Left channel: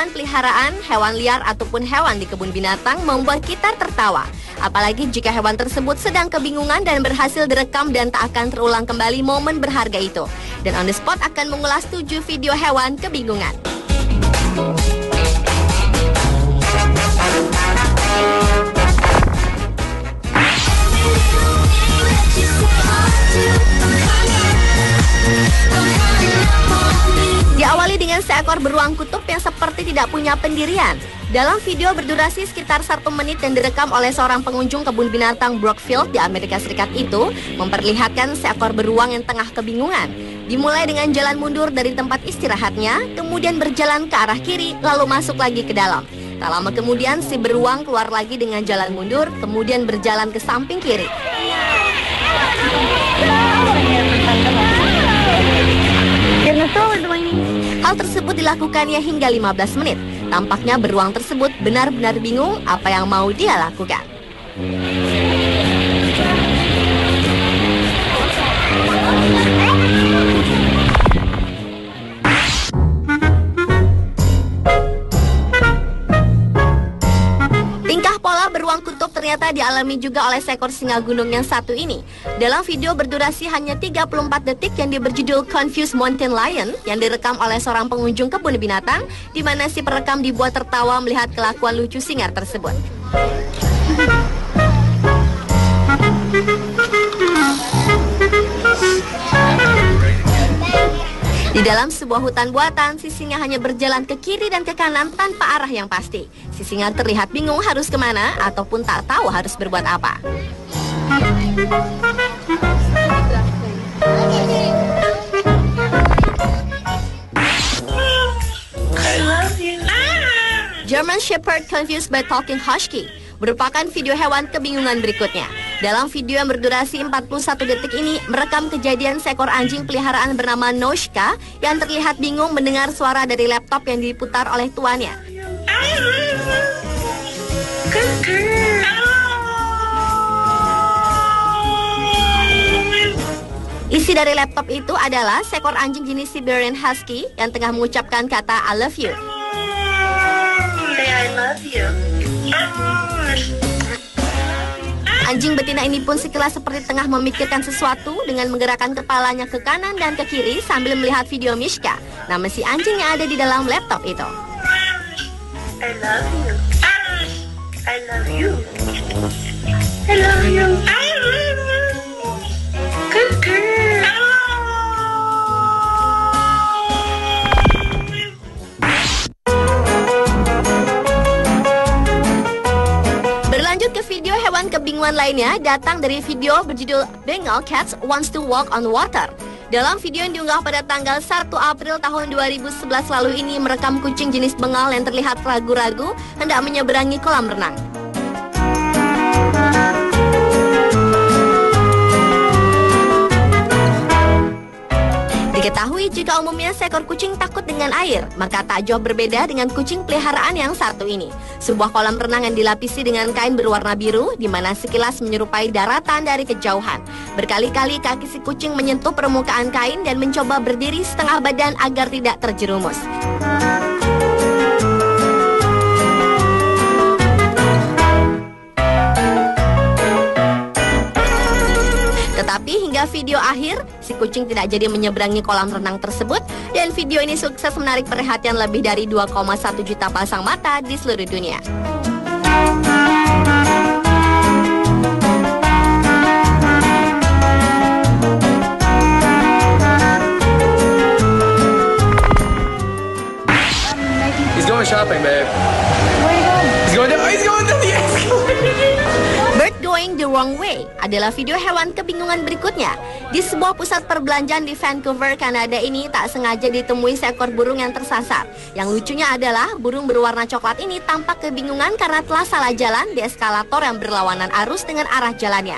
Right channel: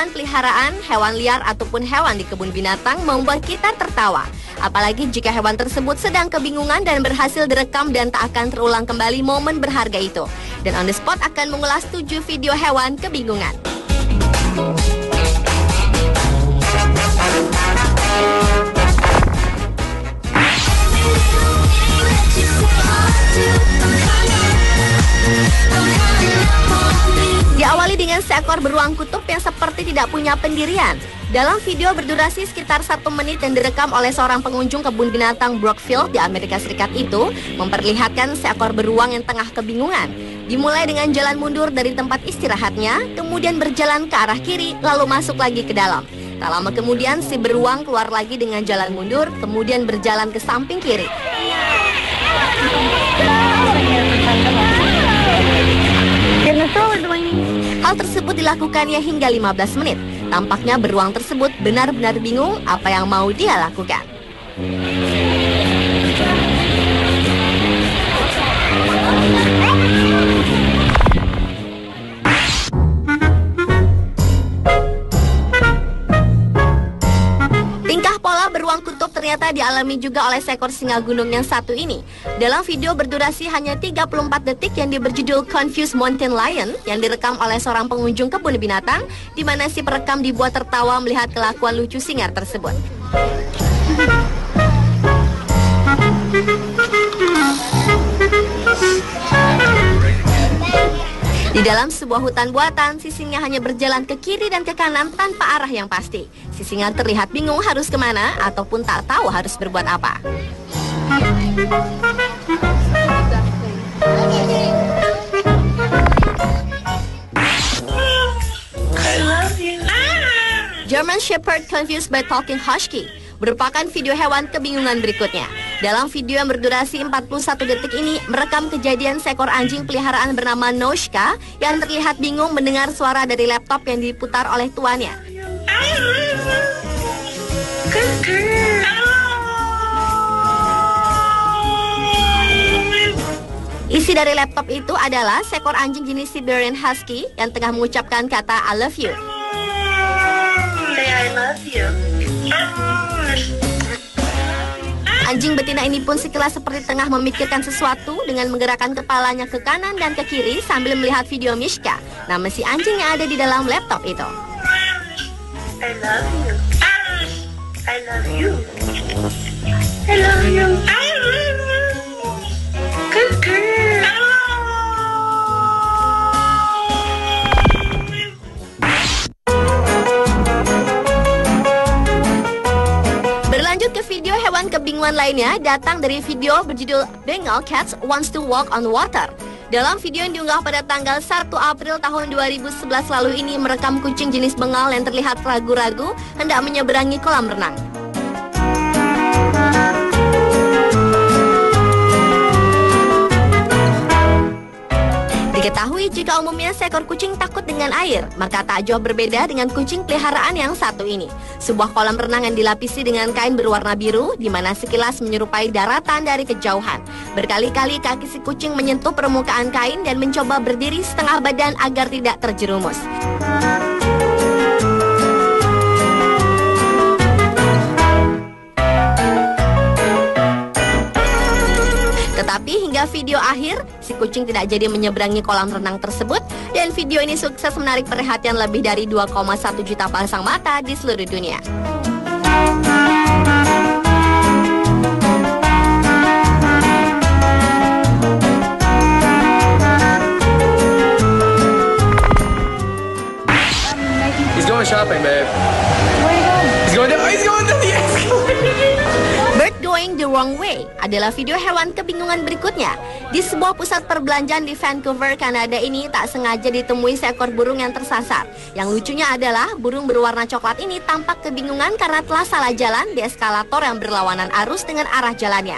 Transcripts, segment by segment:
hewan peliharaan, hewan liar ataupun hewan di kebun binatang membuat kita tertawa. Apalagi jika hewan tersebut sedang kebingungan dan berhasil direkam dan tak akan terulang kembali momen berharga itu. Dan On The Spot akan mengulas 7 video hewan kebingungan. Diawali dengan seekor beruang kutub yang seperti tidak punya pendirian. Dalam video berdurasi sekitar 1 menit yang direkam oleh seorang pengunjung kebun binatang Brookfield di Amerika Serikat itu, memperlihatkan seekor beruang yang tengah kebingungan. Dimulai dengan jalan mundur dari tempat istirahatnya, kemudian berjalan ke arah kiri, lalu masuk lagi ke dalam. Tak lama kemudian si beruang keluar lagi dengan jalan mundur, kemudian berjalan ke samping kiri. Hal tersebut dilakukannya hingga 15 menit. Tampaknya beruang tersebut benar-benar bingung apa yang mau dia lakukan. Tingkah pola beruang kutub ternyata dialami juga oleh seekor singa gunung yang satu ini. Dalam video berdurasi hanya 34 detik yang berjudul Confused Mountain Lion yang direkam oleh seorang pengunjung kebun binatang, di mana si perekam dibuat tertawa melihat kelakuan lucu singa tersebut. Di dalam sebuah hutan buatan, si singa hanya berjalan ke kiri dan ke kanan tanpa arah yang pasti. Si singa terlihat bingung harus kemana ataupun tak tahu harus berbuat apa. German Shepherd Confused by Talking Husky merupakan video hewan kebingungan berikutnya. Dalam video yang berdurasi 41 detik ini merekam kejadian seekor anjing peliharaan bernama Noshka yang terlihat bingung mendengar suara dari laptop yang diputar oleh tuannya. Isi dari laptop itu adalah seekor anjing jenis Siberian Husky yang tengah mengucapkan kata I love you. I love you. Anjing betina ini pun sekilas seperti tengah memikirkan sesuatu dengan menggerakkan kepalanya ke kanan dan ke kiri sambil melihat video Mishka, nama si anjing yang ada di dalam laptop itu. I love you. I love you. Good girl. Berlanjut ke video hewan kebingungan lainnya, datang dari video berjudul Bengal Cats Wants to Walk on Water. Dalam video yang diunggah pada tanggal 1 April tahun 2011 lalu ini merekam kucing jenis Bengal yang terlihat ragu-ragu hendak menyeberangi kolam renang. Diketahui jika umumnya seekor kucing takut dengan air, maka tak jauh berbeda dengan kucing peliharaan yang satu ini. Sebuah kolam renang yang dilapisi dengan kain berwarna biru, di mana sekilas menyerupai daratan dari kejauhan. Berkali-kali kaki si kucing menyentuh permukaan kain dan mencoba berdiri setengah badan agar tidak terjerumus. Tetapi hingga video akhir, si kucing tidak jadi menyeberangi kolam renang tersebut, dan video ini sukses menarik perhatian lebih dari 2,1 juta pasang mata di seluruh dunia. He's going shopping, babe. Where are you going? He's going to the Bird Going the Wrong Way adalah video hewan kebingungan berikutnya. Di sebuah pusat perbelanjaan di Vancouver, Kanada ini tak sengaja ditemui seekor burung yang tersasar. Yang lucunya adalah burung berwarna coklat ini tampak kebingungan karena telah salah jalan di eskalator yang berlawanan arus dengan arah jalannya.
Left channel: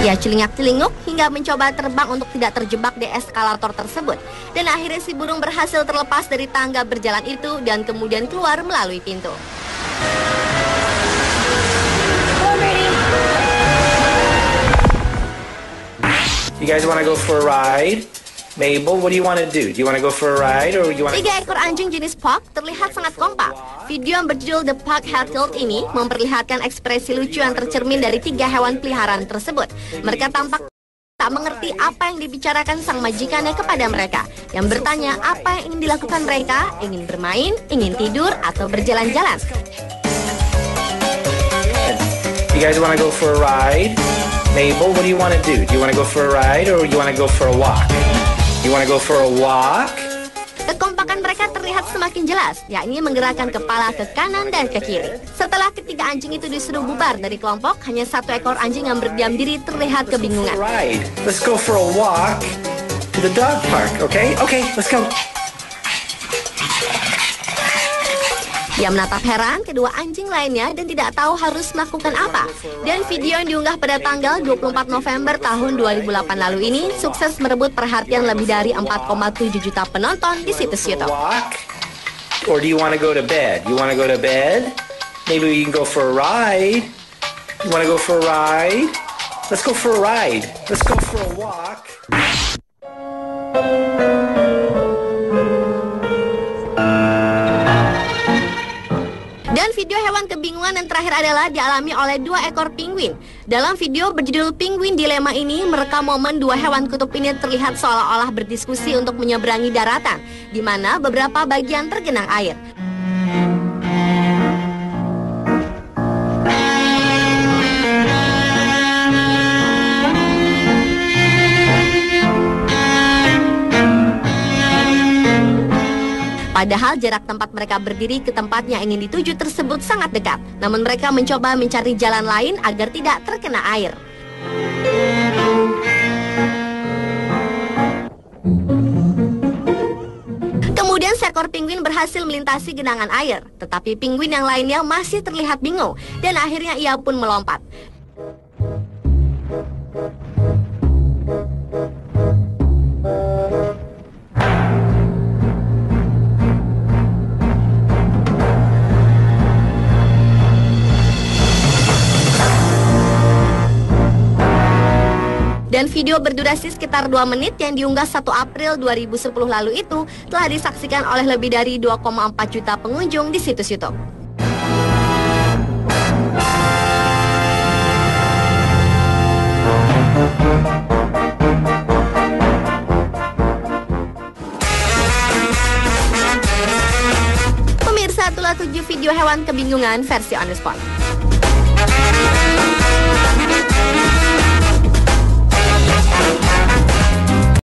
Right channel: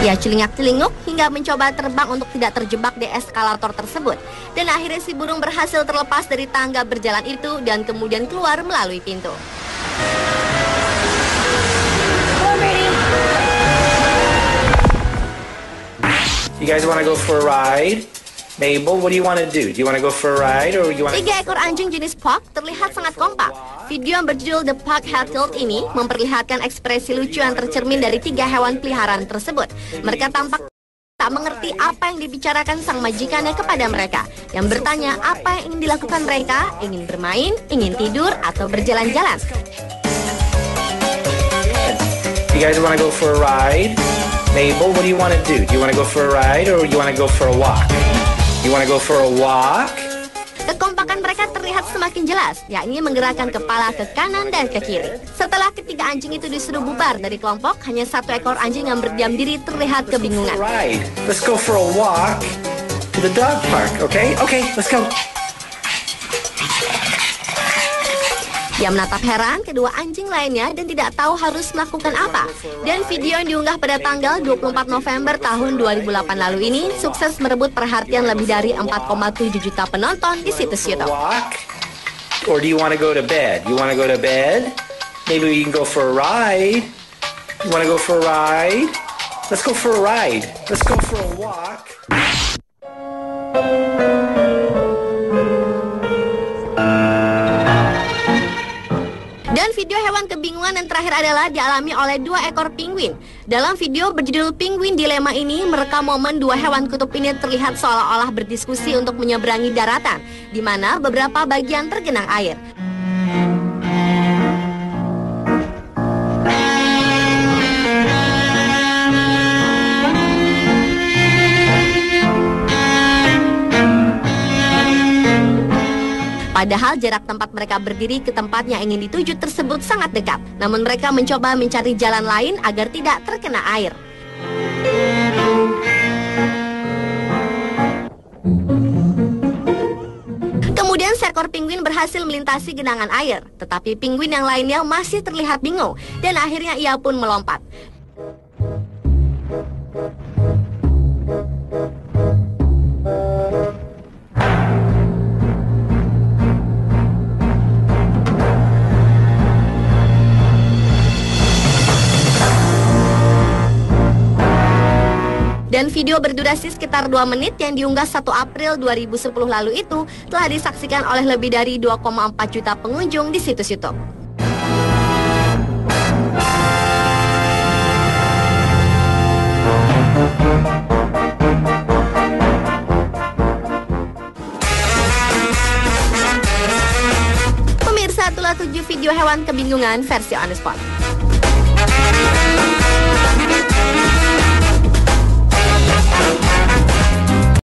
Ia celingak-celinguk hingga mencoba terbang untuk tidak terjebak di eskalator tersebut. Dan akhirnya si burung berhasil terlepas dari tangga berjalan itu dan kemudian keluar melalui pintu. guys want to go for a ride? Mabel, what do you want to do? Do you want to go for a ride or you want to... 3 ekor anjing jenis Pug terlihat sangat kompak. Video yang berjudul The Pug Hatfield ini memperlihatkan ekspresi lucu yang tercermin dari 3 hewan peliharaan tersebut. Mereka tampak tak mengerti apa yang dibicarakan sang majikannya kepada mereka, yang bertanya apa yang ingin dilakukan mereka, ingin bermain, ingin tidur, atau berjalan-jalan. You guys want to go for a ride? Mabel, what do you want to do? Do you want to go for a ride or you want to go for a walk? You want to go for a walk? Kekompakan mereka terlihat semakin jelas, yakni menggerakkan kepala ke kanan dan ke kiri. Setelah ketiga anjing itu disuruh bubar dari kelompok, hanya 1 ekor anjing yang berdiam diri terlihat kebingungan. Right. Let's go for a walk to the dog park, okay? Okay, let's go. Dia menatap heran kedua anjing lainnya dan tidak tahu harus melakukan apa. Dan video yang diunggah pada tanggal 24 November tahun 2008 lalu ini sukses merebut perhatian lebih dari 4,7 juta penonton di situs YouTube. Walk? Or do you want to go to bed? You want to go to bed? Maybe we can go for a ride. You want to go for a ride? Let's go for a ride. Let's go for a walk. Dan video hewan kebingungan yang terakhir adalah dialami oleh 2 ekor penguin. Dalam video berjudul Penguin Dilema ini merekam momen 2 hewan kutub ini terlihat seolah-olah berdiskusi untuk menyeberangi daratan, di mana beberapa bagian tergenang air. Padahal jarak tempat mereka berdiri ke tempat yang ingin dituju tersebut sangat dekat. Namun mereka mencoba mencari jalan lain agar tidak terkena air. Kemudian seekor penguin berhasil melintasi genangan air. Tetapi penguin yang lainnya masih terlihat bingung. Dan akhirnya ia pun melompat. Dan video berdurasi sekitar 2 menit yang diunggah 1 April 2010 lalu itu telah disaksikan oleh lebih dari 2,4 juta pengunjung di situs YouTube. Pemirsa, itulah 7 video hewan kebingungan versi On The Spot.